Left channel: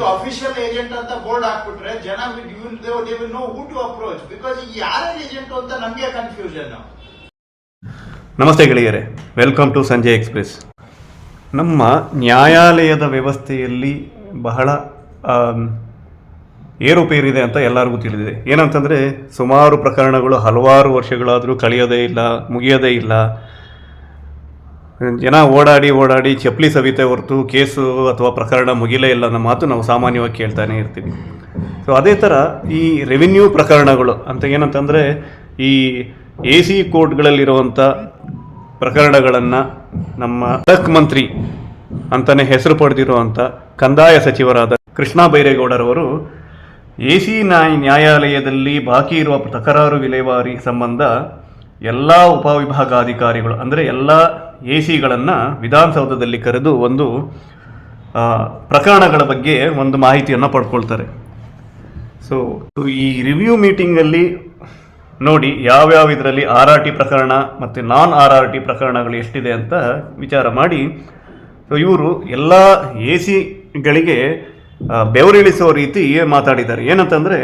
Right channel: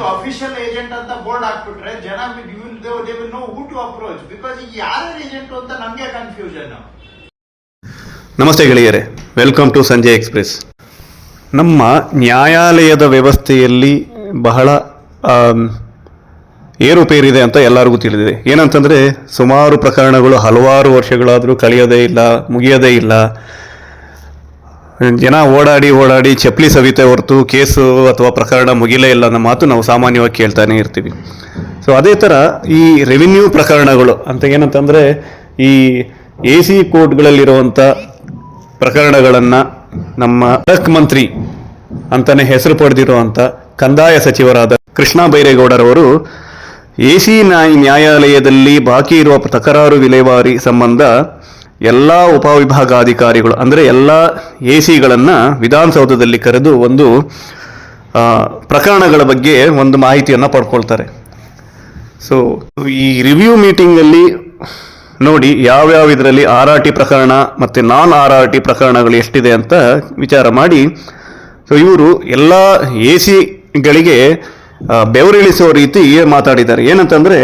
ಇದು official agent ಅಂತ board ಹಾಕ್ಬಿಟ್ರೆ ಜನ they will know who to approach because ಈಗ ಯಾರ್ಯಾರು ಏಜೆಂಟ್ ಅಂತ ನಮಗೆ ಕನ್ಫ್ಯೂಷನ್. ನಮಸ್ತೆ ಗೆಳೆಯರೆ, ವೆಲ್ಕಮ್ ಟು ಸಂಜಯ್ ಎಕ್ಸ್ಪ್ರೆಸ್. ನಮ್ಮ ನ್ಯಾಯಾಲಯದ ವ್ಯವಸ್ಥೆಯಲ್ಲಿ ಬಹಳ ಏರುಪೇರಿದೆ ಅಂತ ಎಲ್ಲರಿಗೂ ತಿಳಿದಿದೆ. ಏನಂತಂದರೆ ಸುಮಾರು ಪ್ರಕರಣಗಳು ಹಲವಾರು ವರ್ಷಗಳಾದರೂ ಕಳೆಯೋದೇ ಇಲ್ಲ, ಮುಗಿಯೋದೇ ಇಲ್ಲ. ಜನ ಓಡಾಡಿ ಚಪ್ಪಲಿ ಸವಿತೆ ಹೊರತು ಕೇಸು ಅಥವಾ ಪ್ರಕರಣ ಮುಗಿಲೇ ಇಲ್ಲ ಅನ್ನೋ ಮಾತು ನಾವು ಸಾಮಾನ್ಯವಾಗಿ ಕೇಳ್ತಾನೆ ಇರ್ತೀವಿ. ಸೊ ಅದೇ ಥರ ಈ ರೆವಿನ್ಯೂ ಪ್ರಕರಣಗಳು ಅಂತ ಏನಂತಂದರೆ ಈ AC ಕೋರ್ಟ್ಗಳಲ್ಲಿರುವಂಥ ಪ್ರಕರಣಗಳನ್ನು ನಮ್ಮ ಖಡಕ್ ಮಂತ್ರಿ ಅಂತಲೇ ಹೆಸರು ಪಡೆದಿರುವಂಥ ಕಂದಾಯ ಸಚಿವರಾದ ಕೃಷ್ಣ ಬೈರೇಗೌಡರವರು AC ನ್ಯಾಯಾಲಯದಲ್ಲಿ ಬಾಕಿ ಇರುವ ತಕರಾರು ವಿಲೇವಾರಿ ಸಂಬಂಧ ಎಲ್ಲ ಉಪವಿಭಾಗಾಧಿಕಾರಿಗಳು ಅಂದರೆ ಎಲ್ಲ ACಗಳನ್ನು ವಿಧಾನಸೌಧದಲ್ಲಿ ಕರೆದು ಒಂದು ಪ್ರಕರಣಗಳ ಬಗ್ಗೆ ಒಂದು ಮಾಹಿತಿಯನ್ನು ಪಡ್ಕೊಳ್ತಾರೆ. ಸೊ ಈ ರಿವ್ಯೂ ಮೀಟಿಂಗಲ್ಲಿ ನೋಡಿ ಯಾವ್ಯಾವ ಇದರಲ್ಲಿ RRT ಪ್ರಕರಣ ಮತ್ತು ನಾನ್ RRT ಪ್ರಕರಣಗಳು ಎಷ್ಟಿದೆ ಅಂತ ವಿಚಾರ ಮಾಡಿ, ಸೊ ಇವರು ಎಲ್ಲ ACಗಳಿಗೆ ಬೆವರಿಳಿಸೋ ರೀತಿ ಮಾತಾಡಿದ್ದಾರೆ. ಏನಂತಂದರೆ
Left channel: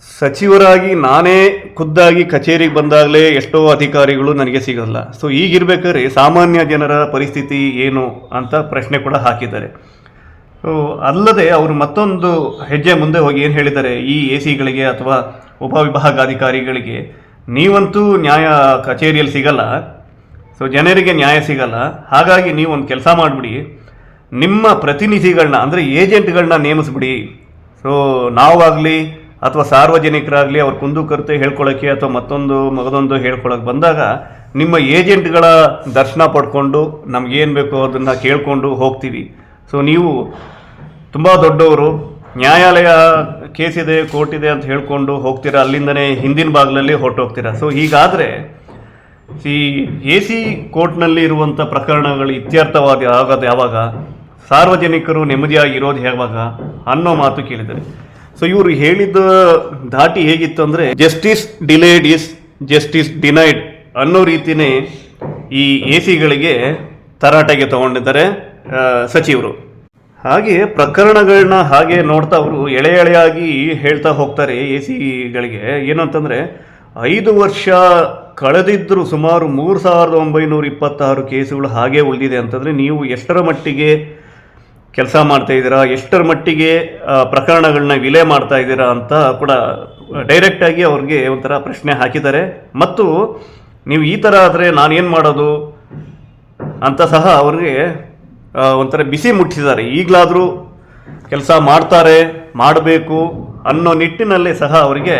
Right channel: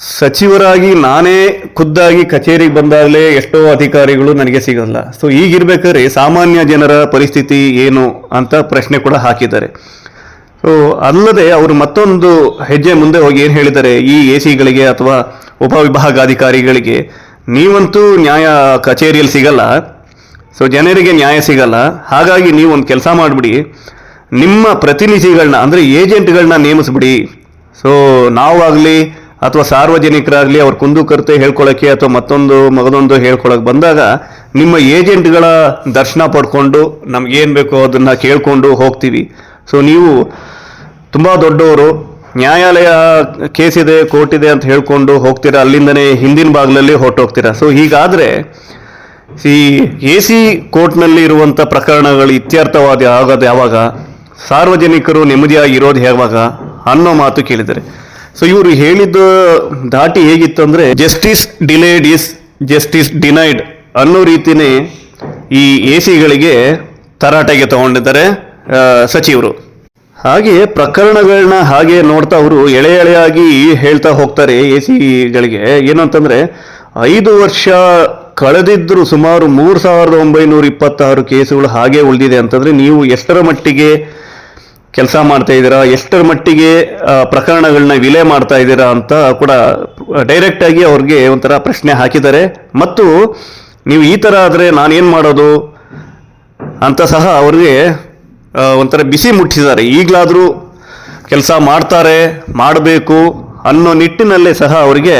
ಸಚಿವರಾಗಿ ನಾನೇ ಖುದ್ದಾಗಿ ಕಚೇರಿಗೆ ಬಂದಾಗಲೇ ಎಷ್ಟೋ ಅಧಿಕಾರಿಗಳು ನನಗೆ ಸಿಗಲ್ಲ. ಸೊ ಈಗಿರ್ಬೇಕಾದ್ರೆ ಸಾಮಾನ್ಯ ಜನರ ಪರಿಸ್ಥಿತಿ ಏನು ಅಂತ ಪ್ರಶ್ನೆ ಕೂಡ ಹಾಕಿದ್ದಾರೆ. ಸೊ ಅಲ್ಲದೆ ಅವರು ಮತ್ತೊಂದು ಹೆಜ್ಜೆ ಮುಂದೆ ಹೋಗಿ ಏನು ಹೇಳಿದ್ದಾರೆ, ಈ ACಗಳಿಗೆ ಅಥವಾ ಉಪವಿಭಾಗಾಧಿಕಾರಿಗಳಿಗೆ ನೀವಂತೂ ನ್ಯಾಯ ಕಚೇರಿಯಲ್ಲಿ ಸಿಗಲ್ಲ, ಸೊ ಜನರಿಗೆ ನ್ಯಾಯ ಸಿಗಲ್ಲ. ಹಾಗಾಗಿ ನೀವು ಒಂದು ಕೆಲಸ ಮಾಡಿಬಿಡಿ, ನಿಮ್ಮ ಪ್ರತಿನಿಧಿಗಳನ್ನ ಅಂದರೆ ಏಜೆಂಟ್ಗಳನ್ನ ನೇಮಿಸ್ಬಿಡಿ. ಸೊ ನಾವಾಗಲಿ ಅಥವಾ ಸಾರ್ವಜನಿಕರಾಗಲಿ ಅವ್ರ ಕುಂದುಕೊರತೆ ಹೇಳ್ಕೊಳ್ಳೋಕ್ಕೆ ಅಥವಾ ಮಗದೊಂದು ಹೇಳ್ಕೊಳಕ್ಕೆ ಬಂದಾಗ ನಿಮ್ಮ ಏಜೆಂಟ್ಗಳ ದರ್ಶನ ಪಡ್ಕೊಂಡು ನಮಗೇನು ಬೇಕೋ ಅದನ್ನು ಕೇಳಿಕೊಂಡು ಹೋಗ್ತೀವಿ. ಸೊ ನೀವು ತುಂಬ ದೊಡ್ಡವರು, ನ್ಯಾಯಾಲಯ ಕೇಸಿದೆ ಕೋರ್ಟಿದೆ ಅಂತ ಹೇಳ್ಕೊಂಡು ಹೋಗ್ತೀರಾ, ಅಲ್ಲಿಂದನೇ ಹಿಂದಿನ ಭಾಗದಲ್ಲಿ ಹೊರಟೋಗ್ತೀರಾ. ಸೊ ಹೀಗಾದರೆ ಈ AC ಕೋರ್ಟ್ನಲ್ಲಿ ಇರುವಂಥ ಪ್ರಕರಣಗಳು ಇತ್ಯರ್ಥವಾದ ಆಗೋದು ಯಾವಾಗ, ಸಾರ್ವಜನಿಕರು ನೆಮ್ಮದಿಯಾಗಿ ಇರೋದು ಯಾವಾಗ ಅನ್ನೋ ಮಾತು ಕೇಳಿದ್ದಾರೆ. ಸೊ ಇವರು ಹೇಳಿದ್ದು ದಾಟಿ ಹೇಗಿತ್ತು ಅಂದರೆ justice delayed is justice denied ಅನ್ನೋ ರೀತಿಯೇ ಈ ACಗಳಿಗೆ ತರಾಟೆಗೆ ತಗೊಂಡಿದ್ದಾರೆ ಸಚಿವರು. ಹಾಗೆ ಪ್ರಕರಣಗಳನ್ನ ಹಾಗೆ ನೋಡ್ತಾ ಅವರು ಎಳೆಯಾಗಿ ಹೇಳ್ತಾ ಹೋಗ್ತಾರೆ. ACಗಳಿಗೆ ಏನಂತಂದರೆ 5 ವರ್ಷ ಕಳೆದಿದ್ದರೂ ಸುಮಾರು 3926 ಕೇಸುಗಳು ಹಾಗೆ ಉಳಿದಿದೆ ಅಂತಂದರೆ ನೀವು ಎಷ್ಟರ ಮಟ್ಟಿಗೆ ಕೆಲಸ ಮಾಡ್ತಾ ಇದ್ದೀರಾ, ಎಷ್ಟರ ಮಟ್ಟಿಗೆ ಪ್ರಕರಣಗಳನ್ನ ವಿಲೆ ಮಾಡ್ತಾ ಇದ್ದೀರಾ ಅಂತ ಕೂಡ ಡೈರೆಕ್ಟಾಗಿ ಅವ್ರಿಗೆ ಒಂಥರ ಪ್ರಶ್ನೆ ಹಾಕಿದ್ದಾರೆ. ಮತ್ತು ನೀವು ಈ ಥರ ಆದರೆ ನಾನೇನು ಮಾಡೋದು ಅಂತ ಸಹ ಅವ್ರಿಗೆ ಒಂಥರ ಬಿಸಿ ಮುಟ್ಟಿಸಿದ್ದಾರೆ. ಈಗಲಾದರೂ ಕೆಲಸ ಮಾಡ್ತಾರೆ, ಮಾಡಬೇಕು ಅನ್ನೋ ನಿಟ್ಟಿನಲ್ಲೇ ಸಹ ಅವರಿಗೆ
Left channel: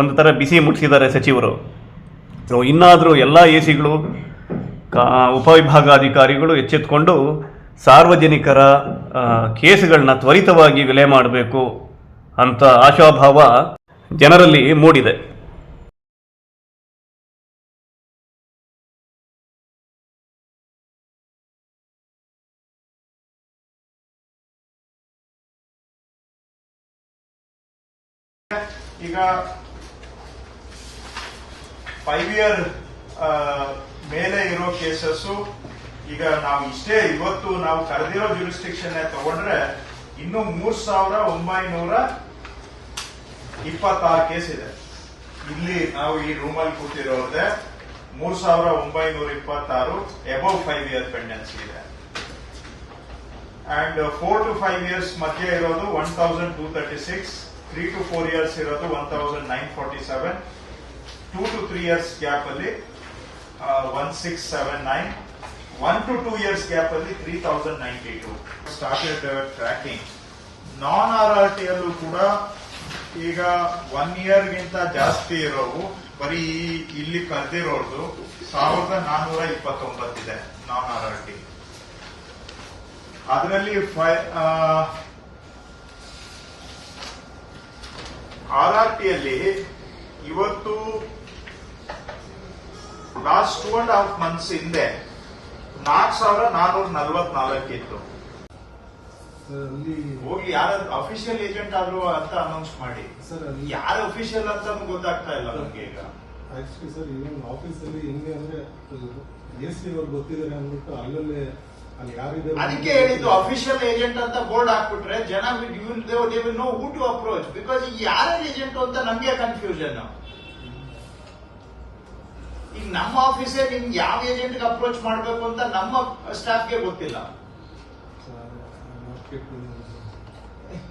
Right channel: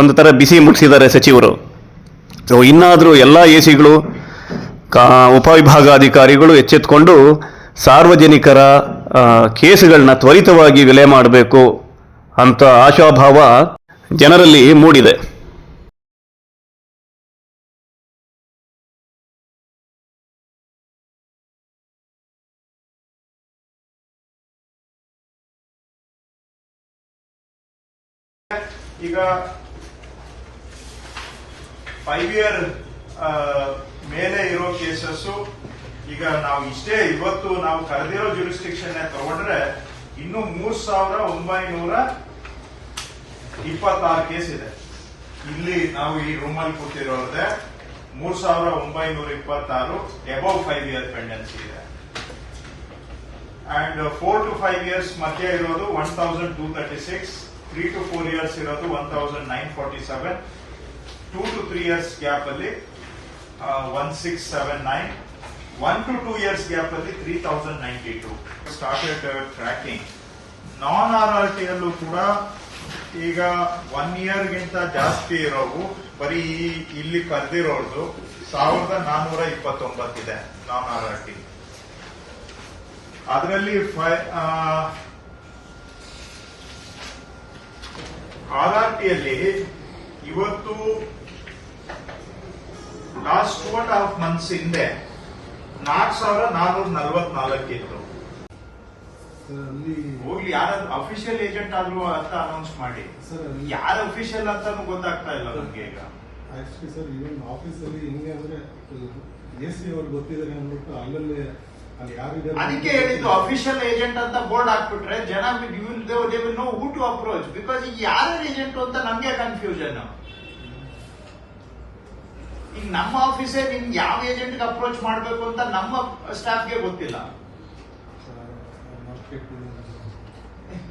ಒಂದು ಥರ ಬಿಸಿ ಮುಟ್ಟಿಸಿದ್ದಾರೆ ಸಚಿವರು. ಸೊ ಇನ್ನಾದರೂ ಎಲ್ಲ ACಗಳು ಉಪವಿಭಾಗಾಧಿಕಾರಿಗಳು ಎಚ್ಚೆತ್ತುಕೊಂಡು ಸಾರ್ವಜನಿಕರ ಕೇಸುಗಳನ್ನ ತ್ವರಿತವಾಗಿ ವಿಲೆ ಮಾಡಬೇಕು ಅಂತ ಆಶಾಭಾವ ಜನರಲ್ಲಿ ಮೂಡಿದೆ. ಈಗ 5 year ಮೇಲೆ ಇರೋ ಕೇಸಸ್ ಈಗ ನಾವು ಇಷ್ಟೇ ಇವತ್ತು ನಾವು ಕರೆದಿರೋ ಜುರಿಸ್ಟಿಕ್ಷನ್ ತಗೊಂಡ್ರೆ ಇನ್ನು 3926 ಕೇಸ್ ಇದೆ. ಇಲ್ಲಿ ನಾವು ಈ ರೂಮಲ್ಲಿ ಕೂತಿರೋದೇ 3926 ಅಬೌವ್ 5 year ಪೆಂಡೆನ್ಸಿ ಇದೆ. ಅಂಡ್ 4 to 5 years ಮಧ್ಯೆ ಇರೋದು 1236, 3 to 4 years ಇರೋದು 1947, 2 to 3 years ಗ್ಯಾಪ್ ಅಲ್ಲಿ 1679, 1 to 2 years ಗ್ಯಾಪ್ ಅಲ್ಲಿ 3092 ಸ್ಟಾರ್ಟೆಡ್ ಟ್ರ್ಯಾಕಿಂಗ್. ನಾನ್ RRT ಅಲ್ಲೂ ಕೂಡ ಈಗ 1 year ಗಿಂತ ಜಾಸ್ತಿ ಇರೋವು ಬರೀ ಇಲ್ಲಿ ಕರೆದಿರೋದು 1429 ಇದೆ ನಾನ್ RRT. ಅದರಲ್ಲಿ RRT ಅಲ್ಲಿ ಇವತ್ತು ಲಾಸ್ಟ್ 2.5 months ಹಿಂದೆ 4444 ಇತ್ತು. ಹೋಗಿ ಯಾರು ಅಫಿಷಿಯಲ್ ಏಜೆಂಟ್ ಆದ್ರು ಅಂತ ಅನೌನ್ಸ್ ಮಾಡಿ, ಯಾರು ಅಫಿಷಿಯಲ್ ಅಂತಾನು ಗೊತ್ತಾಗ್ತಾ ಇಲ್ಲ ನಮ್ಗೆ ಈಗ. ಆಕ್ಚುಲಿ ಸರ್, ಈವನ್ ಆಫೀಸಲ್ಲಿ ಹೆಂಗೆ ಅಂದ್ರೆ AC ಅವ್ರು ಗೊತ್ತಿದ್ದಾರೆ ಅಂದ್ಬಿಟ್ಟು ಅಲ್ಲಲ್ಲೇ ಅಲ್ಲಿ ಯಾರಿದ್ದಾರೆ ಅದಕ್ಕೆ ಹೇಳಿದ್ದು ಅಫಿಷಿಯಲ್ ಏಜೆಂಟ್ ಅಂತ ಬೋರ್ಡ್ ಹಾಕ್ಬಿಟ್ರೆ ಜನ they will know who to approach. Because ಈಗ ಯಾರ್ಯಾರು ಏಜೆಂಟ್ ಅಂತ ನಮ್ಗೆ ಕನ್ಫ್ಯೂಷನ್. ಈಗ ನಮ್ಮ ಆಫೀಸೇ ನಿಮ್ಗೆ ಯಾವ ಏಜೆಂಟ್ ಅಪ್ರೋಚ್ ಮಾಡಬೇಕು ಅಂತ ನಮ್ಮ ಸ್ಟಾಫ್ಗೆ ಗೊತ್ತಿಲ್ಲ.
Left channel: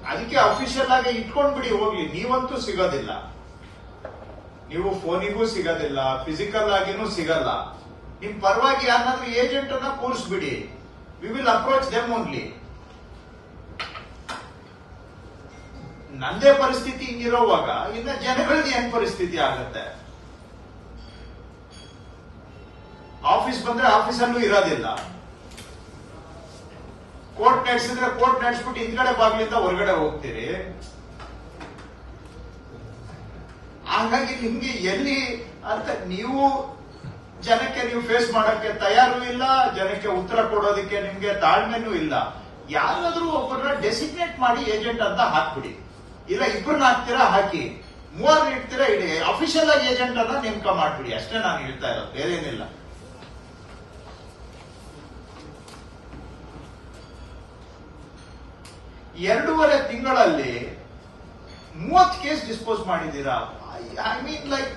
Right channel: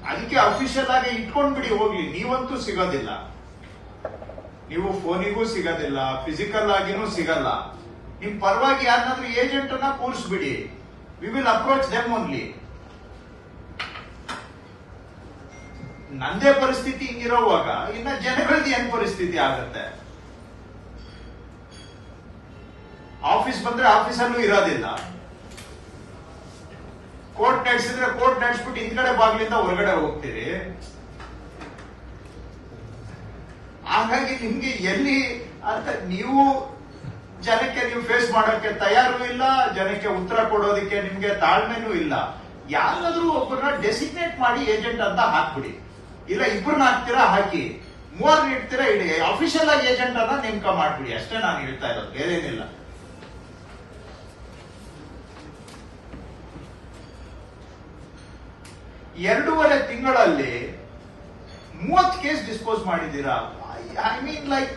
ಅದಕ್ಕೆ ಅಫಿಷಿಯಲ್ ಆಗಿ ಇಟ್ಕೊಂಡ್ಬಿಡಿ ಹೋಗ್ಲಿ. ನೀವಂತೂ ಸಿಗೋದಿಲ್ಲ, ನೀವು ಫೋನಿಗೂ ಸಿಗೋದಿಲ್ಲ, ಫಿಸಿಕಲ್ ಆಗಿನೂ ಸಿಗಲ್ಲ. ನಿಮ್ ಪರವಾಗಿ ಯಾರನ್ನಾದ್ರೂ ಏಜೆಂಟ್ ಅನ್ನ ಕೂರಿಸ್ಬಿಡಿ. We will approach them only. ನಂದೇ ಪರಿಸ್ಥಿತಿ ಹಿಂಗಿರೋವಾಗ ಇನ್ನು ಜನಗಳದ್ದು ಏನ್ ಪರಿಸ್ಥಿತಿ ಆಗತ್ತೆ? ಆಫೀಸ್ ಬಂದ್ರೆ ಆಫೀಸಲ್ಲೂ ಇರೋದಿಲ್ಲ, ಕೋರ್ಟ್ ನಡೆಸಿದ್ರೆ ಕೋರ್ಟ್ ನಡೆಸ್ಬಿಟ್ಟು ಹಿಂದ್ಗಡೆ ಬಾಗ್ಲಿಂದ ಹೊರಗಡೆ ಹೋಗ್ತೀರಿ. ಹಾಗಾಗಿ ನಿಮ್ಗೆ ಎಲ್ಲಿ ಅಂತ ನೀವು ಜನಕ್ಕೆ ನೀವು ಫೇಸ್ ಮಾಡೋಕ್ಕೆ ತಯಾರು ಇಲ್ಲ, ಜನಕ್ಕೆ ಉತ್ತರ ಕೊಡೋದಕ್ಕೆ ನಿಮ್ಗೆ ತಾಳ್ಮೆನೂ ಇಲ್ಲ. ಯಾರಾದ್ರೂ ಒಬ್ಬರನ್ನ ಡೆಸಿಗ್ನೇಟ್ ಮಾಡಿ ಏಜೆಂಟ್ ಅಂತ ಹಾಕ್ಬಿಡಿ. ಇಲ್ಲ ಇಬ್ಬರನ್ನ ಹಾಕ್ತೀರಾ ಹಾಕಿ, ಮೂವರ್ನ ಇಡ್ತೀರಾ ಇಡಿ. ಅಫಿಷಿಯಲ್ ಆಗಿ ಏಜೆಂಟ್ ಅನ್ನ ನೇಮಕ ಮಾಡ್ಬಿಡಿ. ಅಷ್ಟೇ ನಾನು ಹೇಳ್ತಾ ಇರೋದು, ಬೇರೆ ಏನಿಲ್ಲ. ಎರಡೂವರೆ ತಿಂಗಳಲ್ಲಿ 30 ಕೇಸ್ ಡಿಸ್ಪೋಸ್ ಮಾಡಿದ್ದೀರಾ. ಐ ಮೀನ್ ಲೈಕ್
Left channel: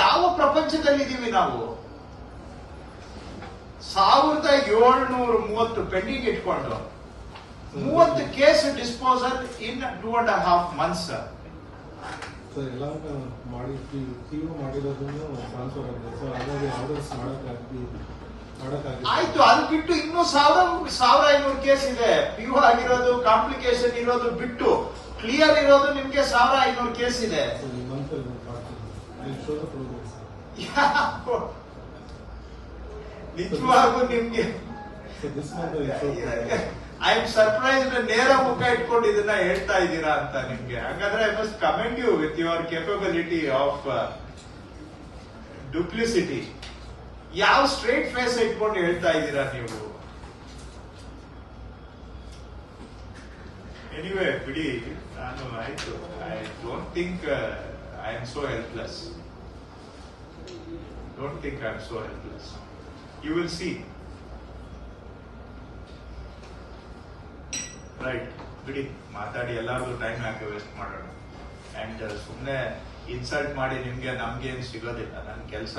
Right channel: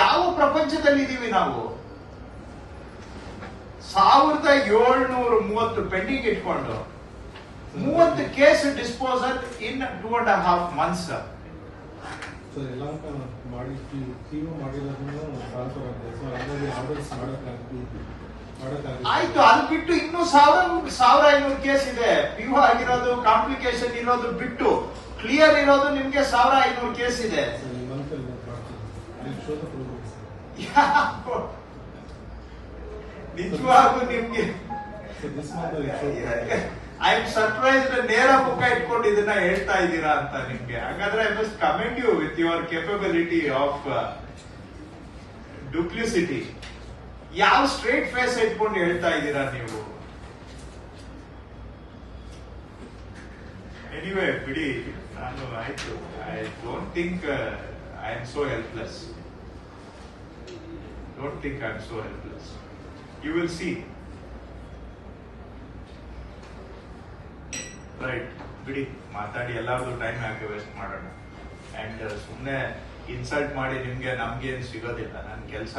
ಯಾವ ಪ್ರಪಂಚದಲ್ಲಿ ಇದೀವಿ ನಾವು? 1730 ಪೆಂಡಿಂಗ್ ಇಟ್ಕೊಂಡು 30 ಕೇಸ್ ಡಿಸ್ಪೋಸಲ್ ಇನ್ 2.5 months. ಸರ್ ಎಲ್ಲ ಮಾಡಿ ಟಿವಿ ಮಾಡಿರೋದ್ರಿಂದ ಟ್ರಾನ್ಸ್ಫರ್ ಆಗಿದೆ. ಸೊ ಹಾಗಾಗಿ ಆರ್ಡರ್ಸ್ ಮಾಡೋಕ್ಕಾಗ್ತದೆ. ಆಯ್ತು, ಅದು ಬಿಟ್ಟು ಇನ್ನೂ 1500 ಕೇಸ್ ಇದೆ. PO ಆಗಿರೋದು, ಕಾಂಪ್ಲಿಕೇಶನ್ ಇರೋದು ಬಿಟ್ಟು ಕ್ಲಿಯರ್ ಇರೋದು ನಿಮ್ಗೆ 1500 ಕೇಸ್ ಇದೆ. ನಿಜವಾಗೂ ನಿಮ್ಗೆ ಐ ಆಮ್ ಸರ್ಪ್ರೈಸ್ಡ್. ನೇರ ಮುಖ ಇಟ್ಕೊಂಡು ಇದನ್ನ ಹೇಳ್ತಾ ಇದ್ದೀರಾ ಅಂತ ನಿಮ್ಗೆ. ಹಾಗಾದ್ರೆ I must commend you with your capability of duplicity. ಯಾವ ಸ್ಟ್ರೇಟ್ ಫೇಸ್ ಇಟ್ಕೊಂಡು ಹೇಳ್ತಾ ಇದ್ದೀರಾ ನೀವು? ಎನಿವೇ ಬಿಡಿ, ನಾನು ಆಯ್ತು. I don't think I am so helpless. Don't think I am so helpless. You will see. Right, ಬಿಡಿ, ಮಾತಾಡಿ ಎಲ್ಲಾರ್ದು ಟೈಮ್ ಯಾಕೆ ವೇಸ್ಟ್ ಮಾಡೋಣ. ಅಂಡ್ ಸುಮ್ಮನೆ ಇನ್ಸಲ್ಟ್ ಮಾಡಿ ನಿಮ್ಗೆ ನಮ್ಗೇನು ಸಿಗೋದಿಲ್ಲ. ನನ್ನ ಕೆಲಸ